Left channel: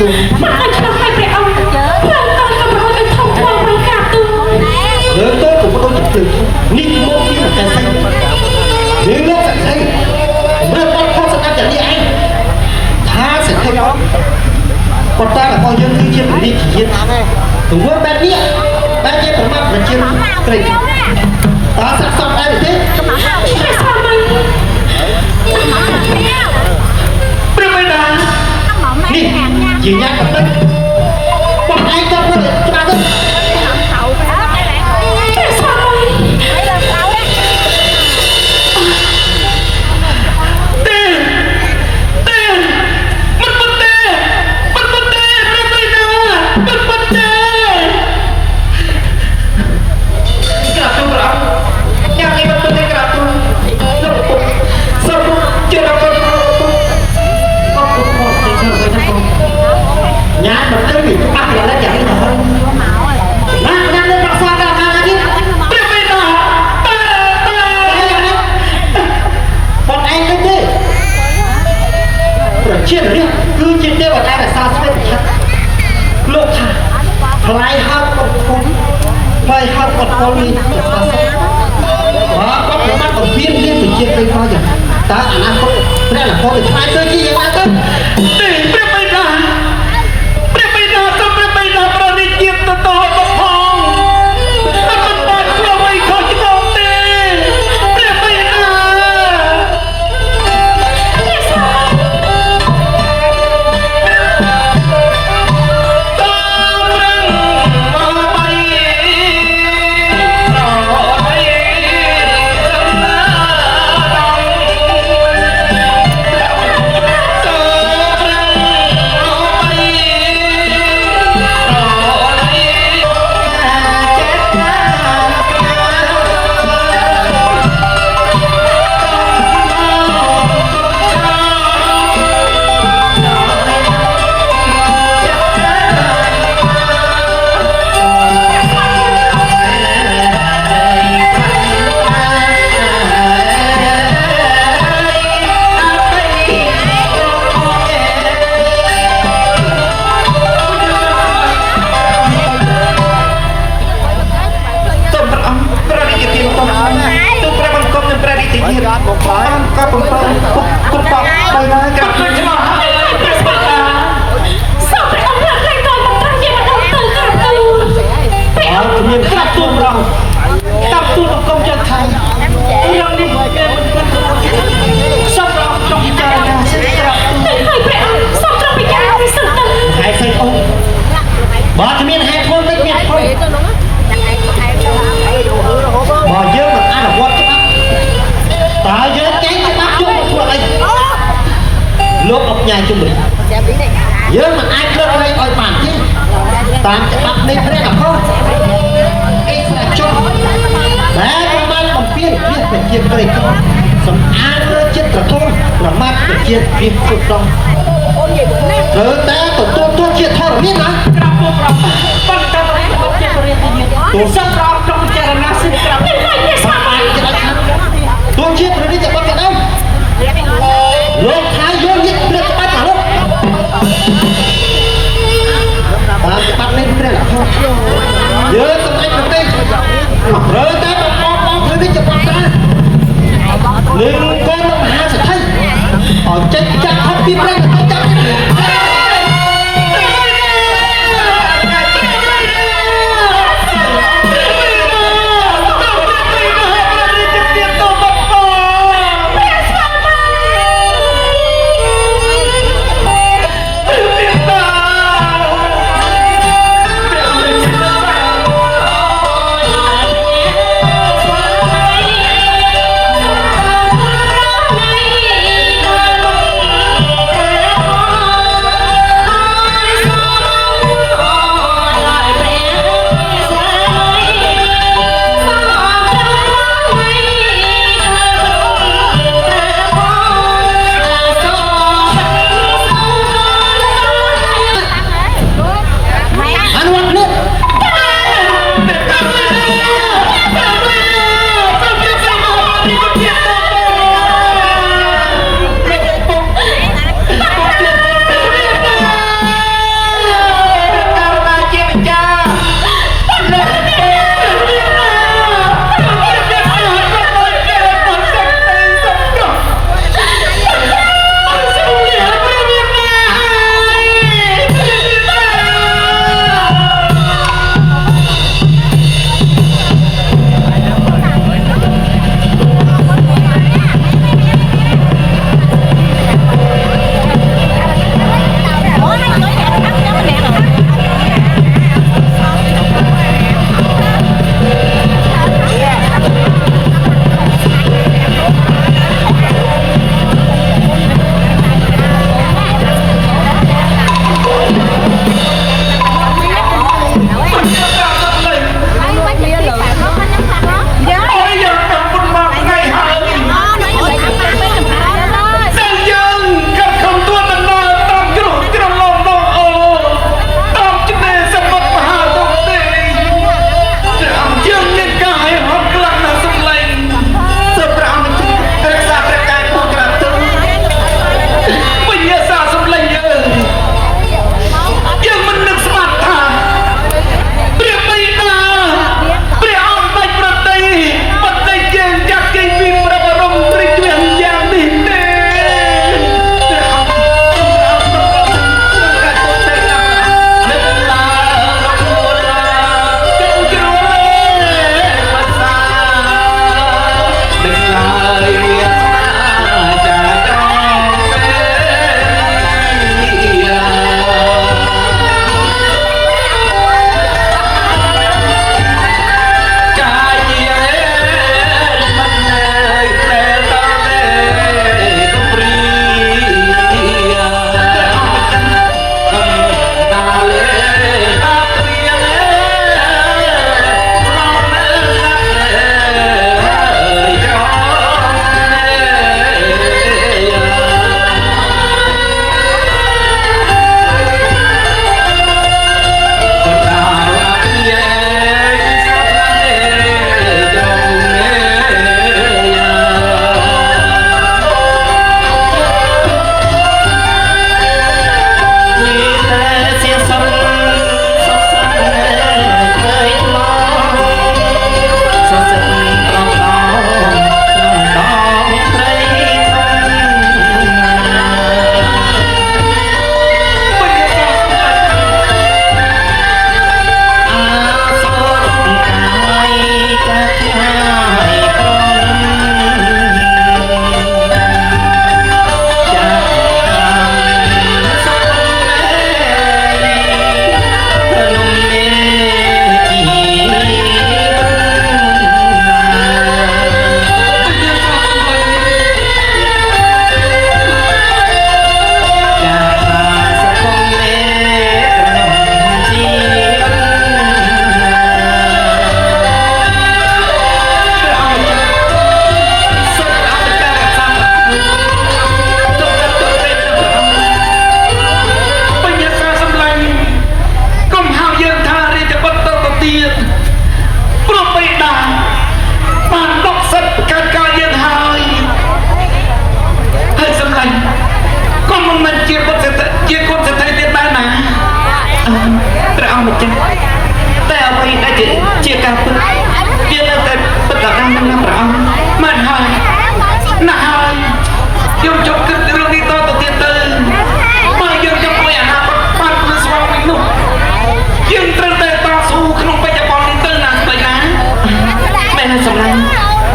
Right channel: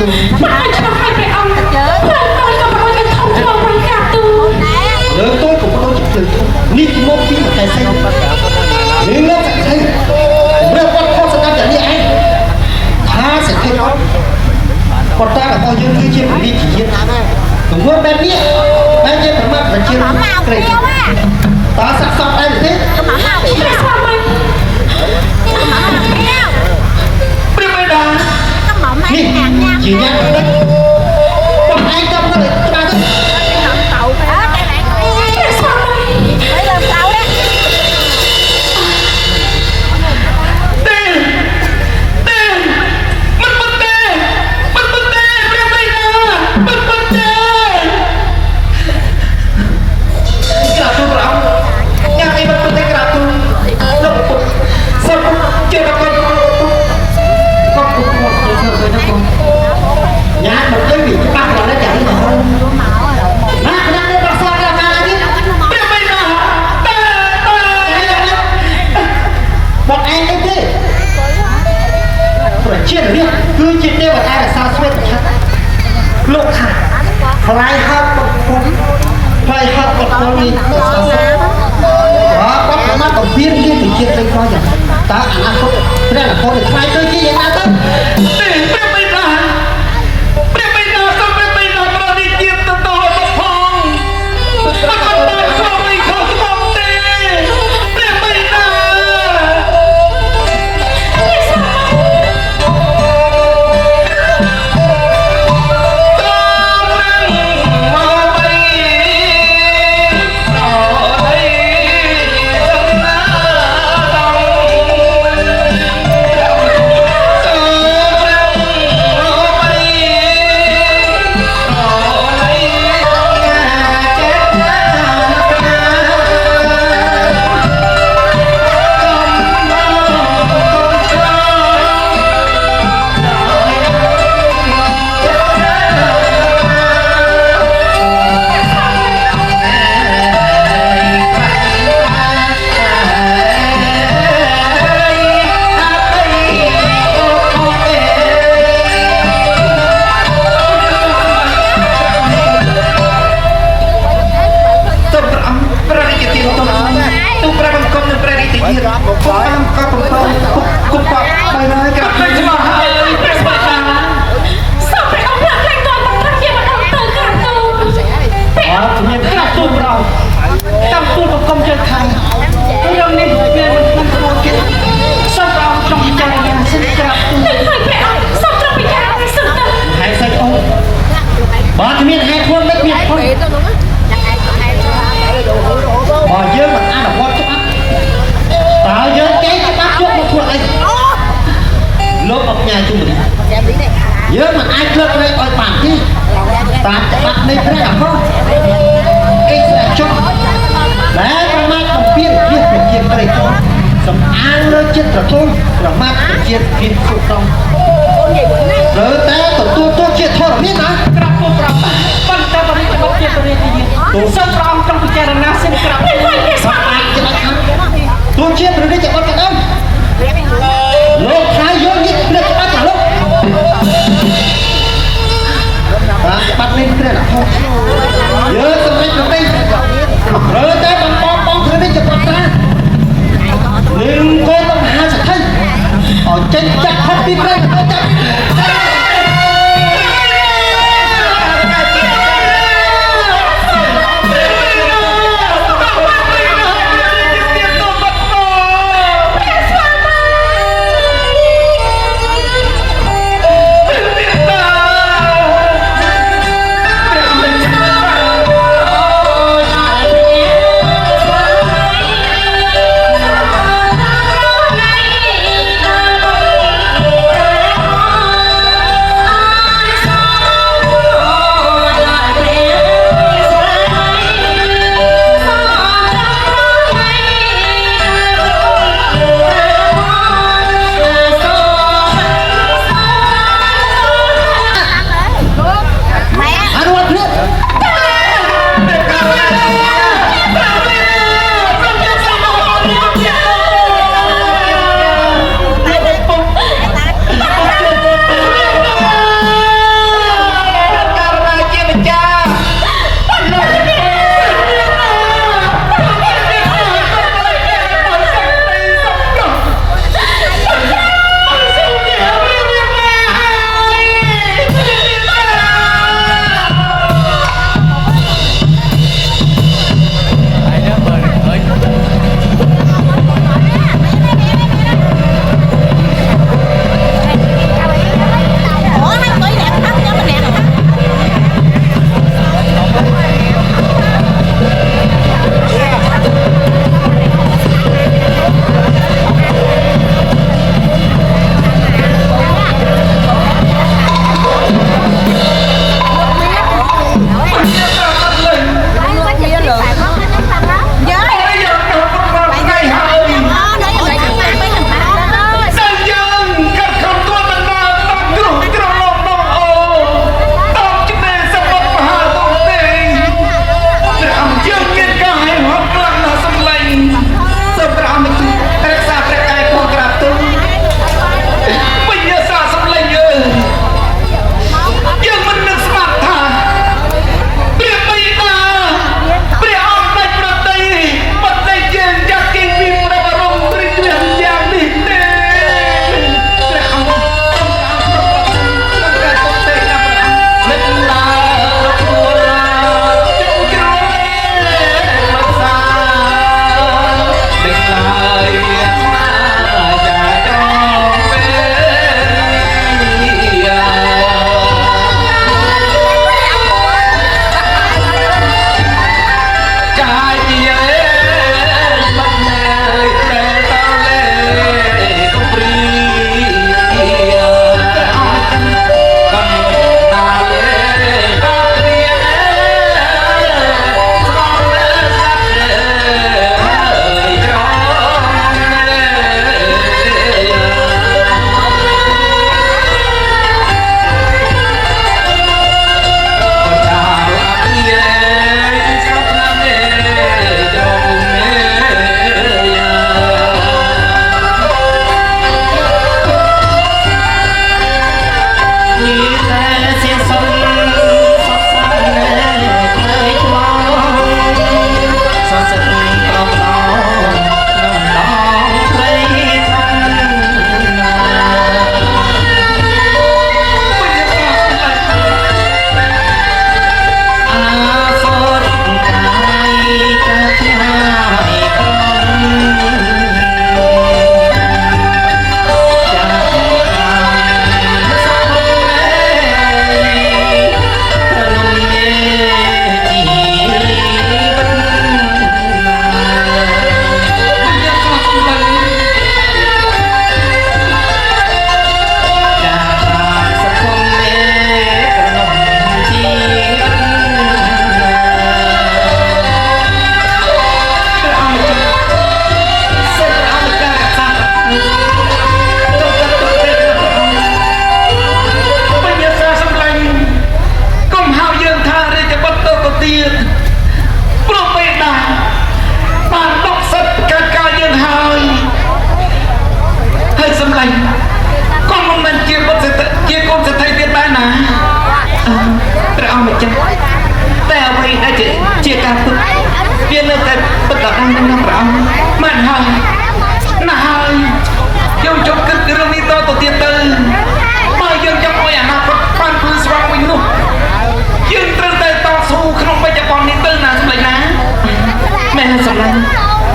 ទូមិនឲ្យឆ្លោះឲ្យព្រះអង្គឡើងតទៅក៏មិនឲ្យធំធ្លាប់វិញក្រាបទូលើតូចក៏ដូចជាទឹកនេះមកជាតែស្អីរឿងនេះស្អីរើបាត់ខុសស្ដាប់តែនេះឯងថាសេដ្ឋីអត់ប៉ុន្តែរបស់យើងគឺជាពលិជាតិទង្វើបែបនេះបែបជាប្រមាថប្រជាក្រីតើស័ក្តិសមដែរទេព្រះបិតានេះជាអ្នកប្រឌិតបងឯងទៅប្រឌិតច្បាស់ទៅគឺជាទេវតារសាស្វេតឆ័ត្រលោកខាថ្លៃហៅពុកគុំថ្លៃហៅពុកគុំនេះរសាស្វេតបាទគាត់ប្រមាថអំពីនេះទៅជាទៅផងយ៉ាងតើអនាគតព្រះនគរខ្លាចទៅជាយ៉ាងណាទៅព្រះបិតាសូមព្រះបិតាប្រតិជាតិទៅតទៅផងមិនបានស្រួលអីខុសច្បាប់ទេព្រះបិតាGod will fly and couple of good pop and I got to know sao phải ông là cái con nó gì mà ông tự cả tu mình khác tu rồi tâm tu một công chơi thành rồi đi sao ông trong nhà mình sẽ ra sao trong bị ai thì sự tình hai xe ô bỏ cho miền hai thôn đất miền thôn bỏ dơ mà ai là quan tao nhớ cái bác chốt một thuộc anh lốp một nhà chung mình nhớ mà ai cướp đây coi phản chứ tạm sẽ bắt lên cái này không cái là cho đấy con ma còn biết việc cái này không sống an nó chết rồi thôi là ma còn chết việc phục động rồi ta tổ tôi chết thôi biết hả tổ sắp rong trong cái chai là sinh cảm tôi chết rồi đi chặt con ông lên thái vô đi lên bắt rồi bắt lên đây là thôi nhớ tầm anh vào đây rồi tới con thôi đi chặt con ta lên con nó hạ sẽ thấy họ chết chắc hết biết đấy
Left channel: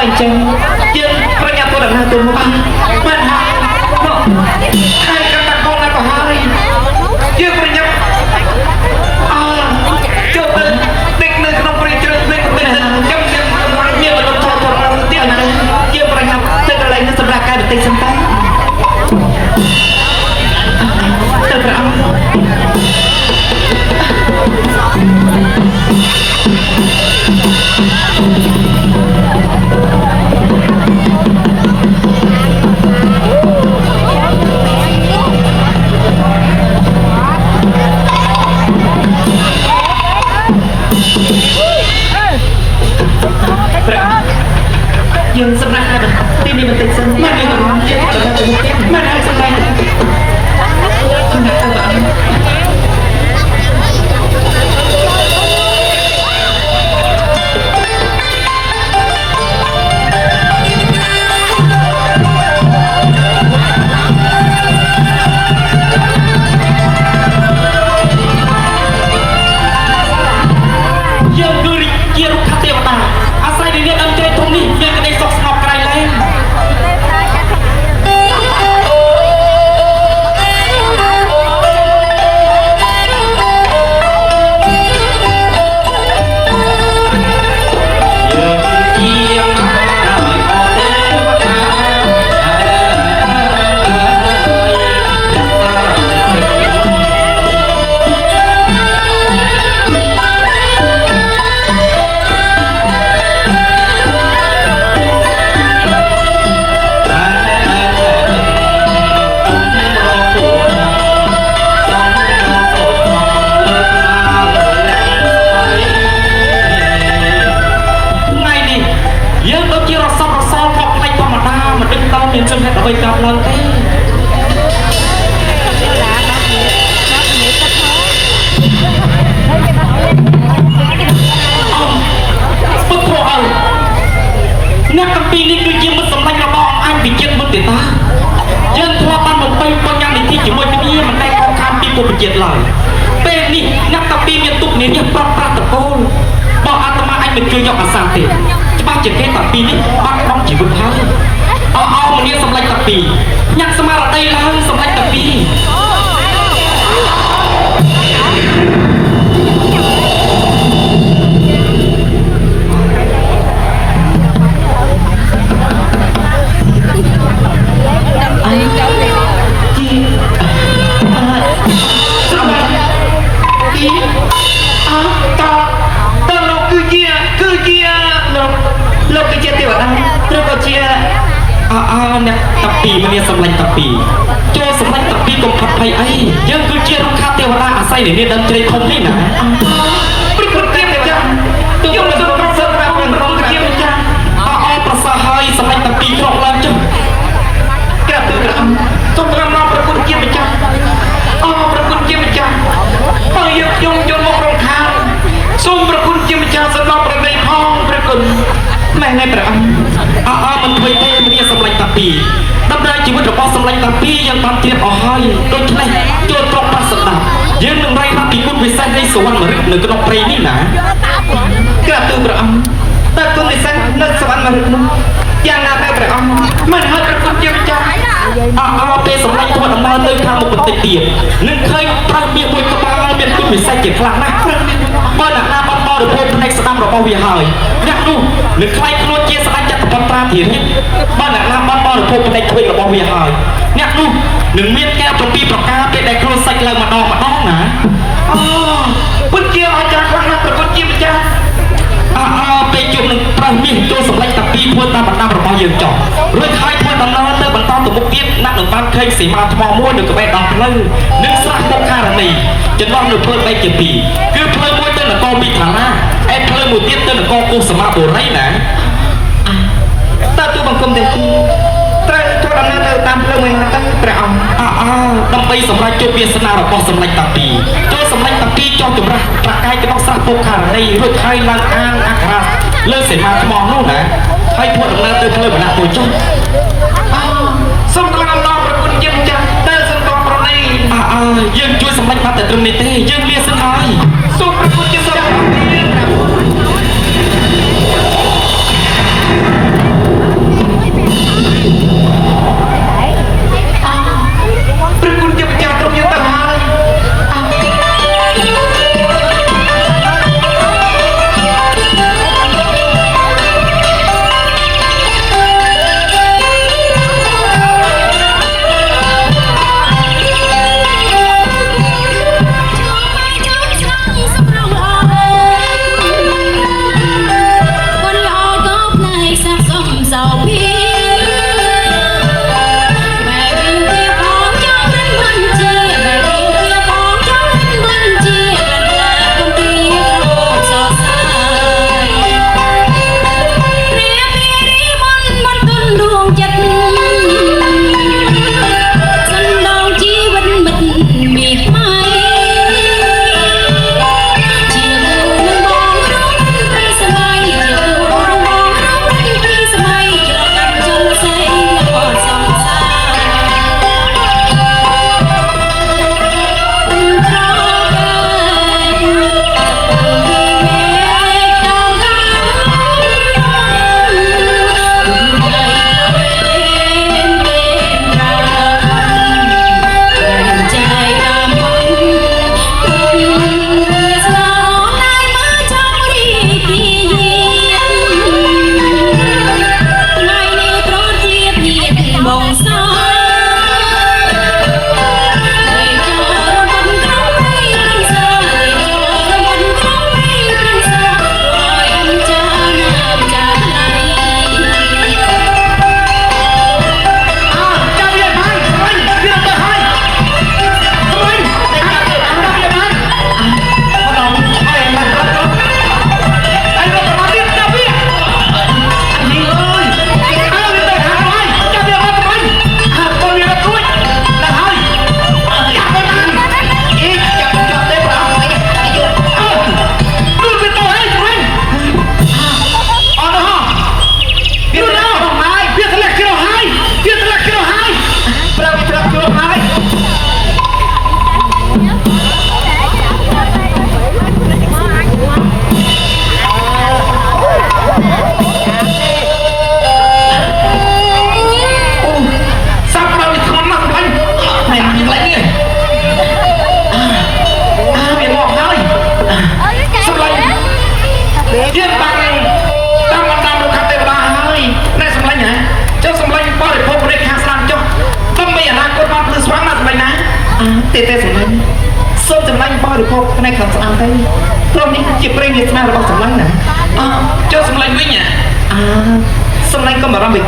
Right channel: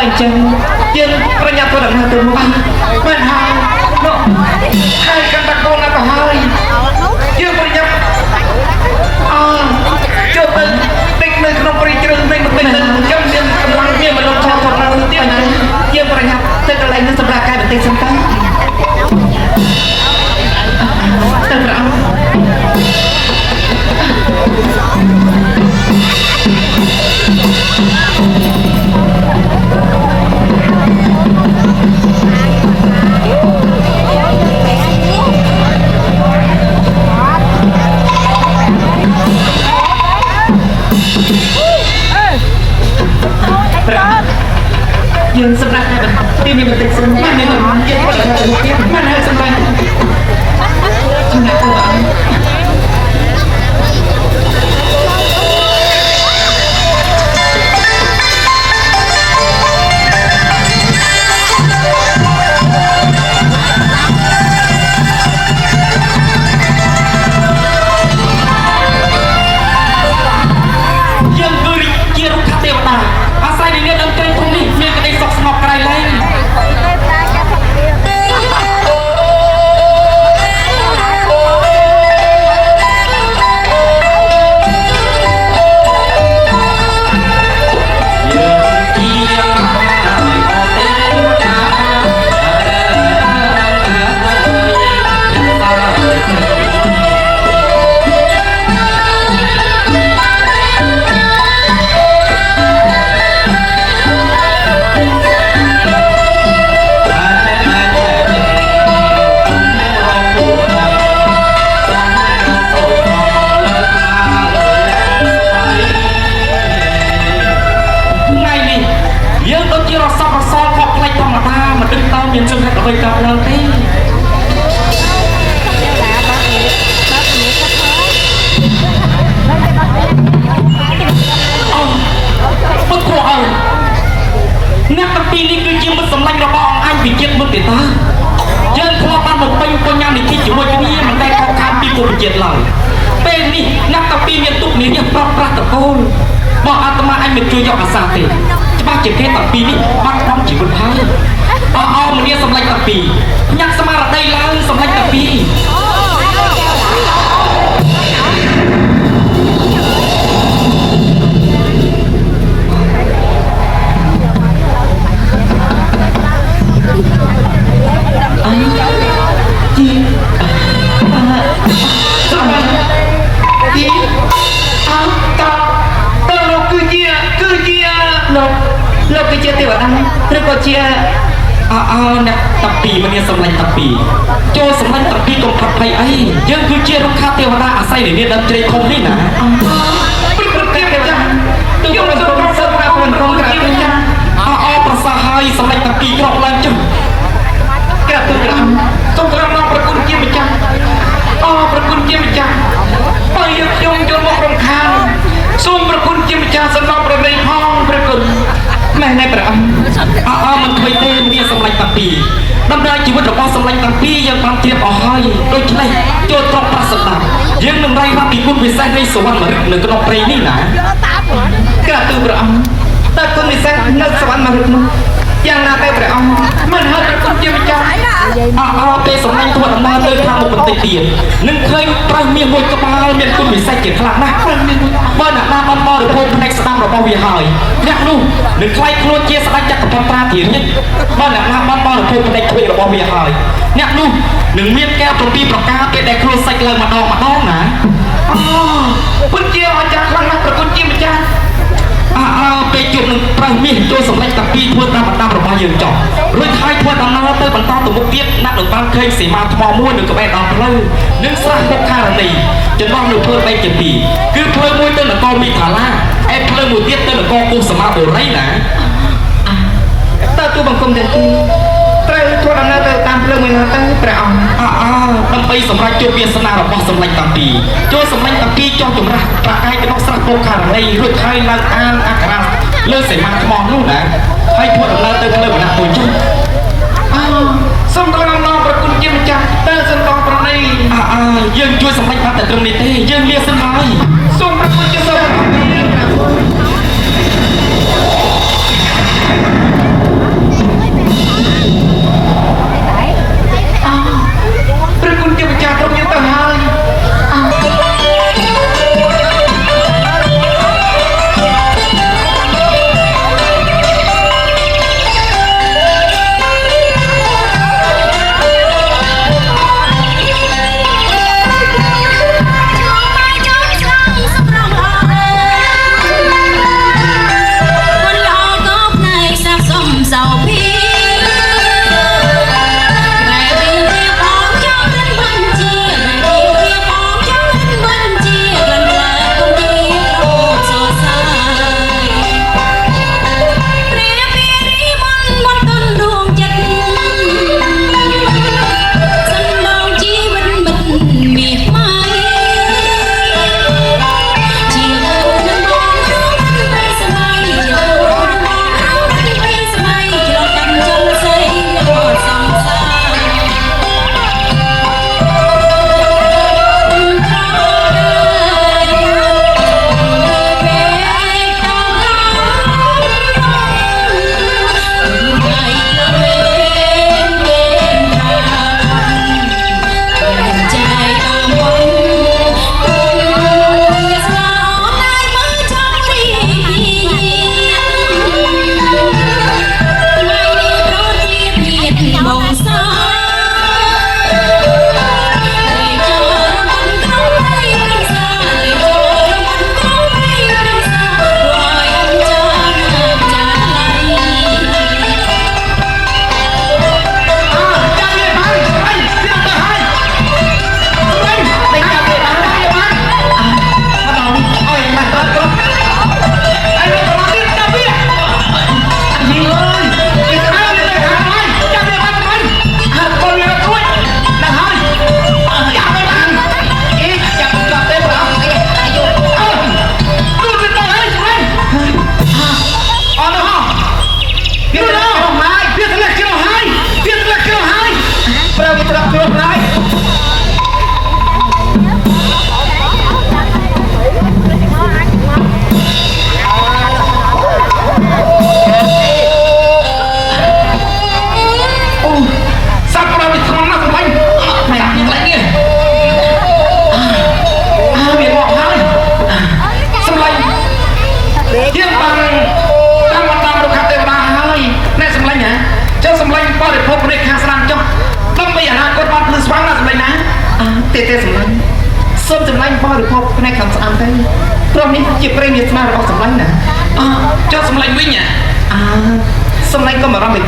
បើអញ្ចឹងយើងប្រញាប់ទៅដំណើរទៅមុខបានហើយហើយកាន់តែបងទៅហើយយើងប្រញាប់ជួបទៅតិចនៅក្នុងព្រៃជ្រៅវិញទៅខ្ញុំមានមនុស្សឆាប់ផងទៀតណាយើងប្រញាប់ទៅកន្លែងនេះសម្រាប់កែបន្តិចសិនតើទៅព្រះអង្គយើងសម្រាប់តែទីនេះបន្តិចសិនណាមានរំខានទៀតទៅទៀតមិនហើយសម្រាប់ទៅដើម្បីសម្រាប់ជួបវាសនារបស់សម្ដេចតាពីចូលសម្ដេចតាពីចង់ចម្រាស់ប្រកាយរបស់ស្រះពុកខាងនេះរួចហើយឡើងអានអក្សរលើសេនាថ្មនោះណាហើយធ្វើដំណើរទៅផ្លូវបណ្ដាក់ទៅចុះសូមថ្លែងដល់ប្រគុណជាម្ចាស់តែសន្តោប្រណីយើងជួយសម្ដេចបាត់តែត្រឹមនេះទេយើងលាសិនហើយសូមប្រគុណជាសូម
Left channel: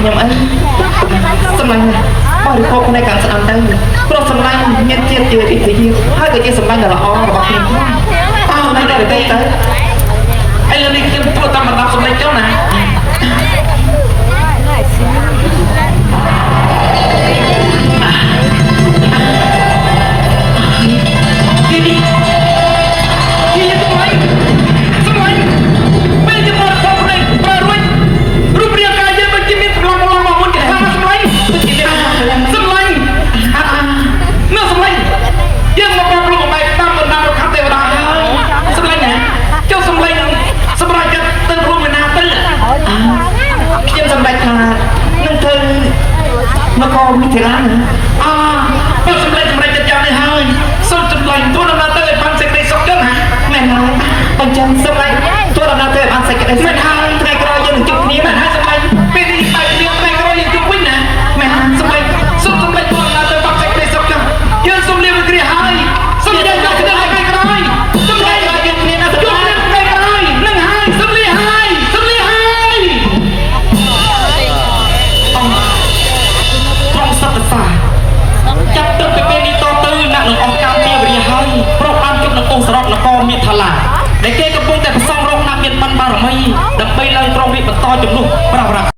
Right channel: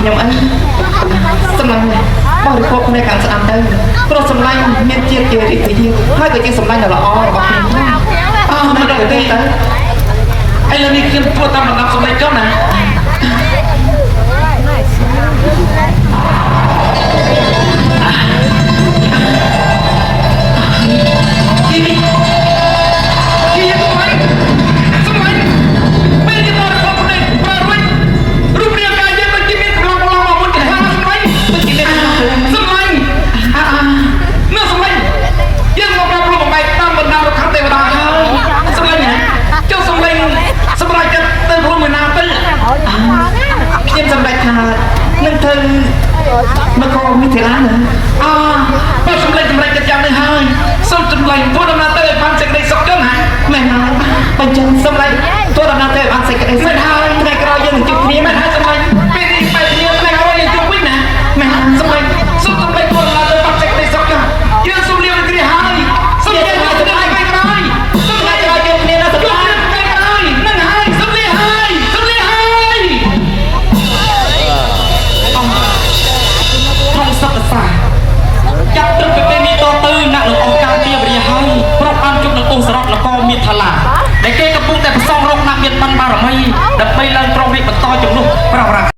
ខ្ញុំអីសម្លាញ់បរិភោគในការស្ដាំទៅព្រោះសម្លាញ់មានជាតិជាវិធីហើយក៏ជាសម្លាញ់ដ៏ល្អរបស់ខ្ញុំដែរអើមិនដល់ទេទៅឥឡូវនេះខ្ញុំធ្វើកម្ម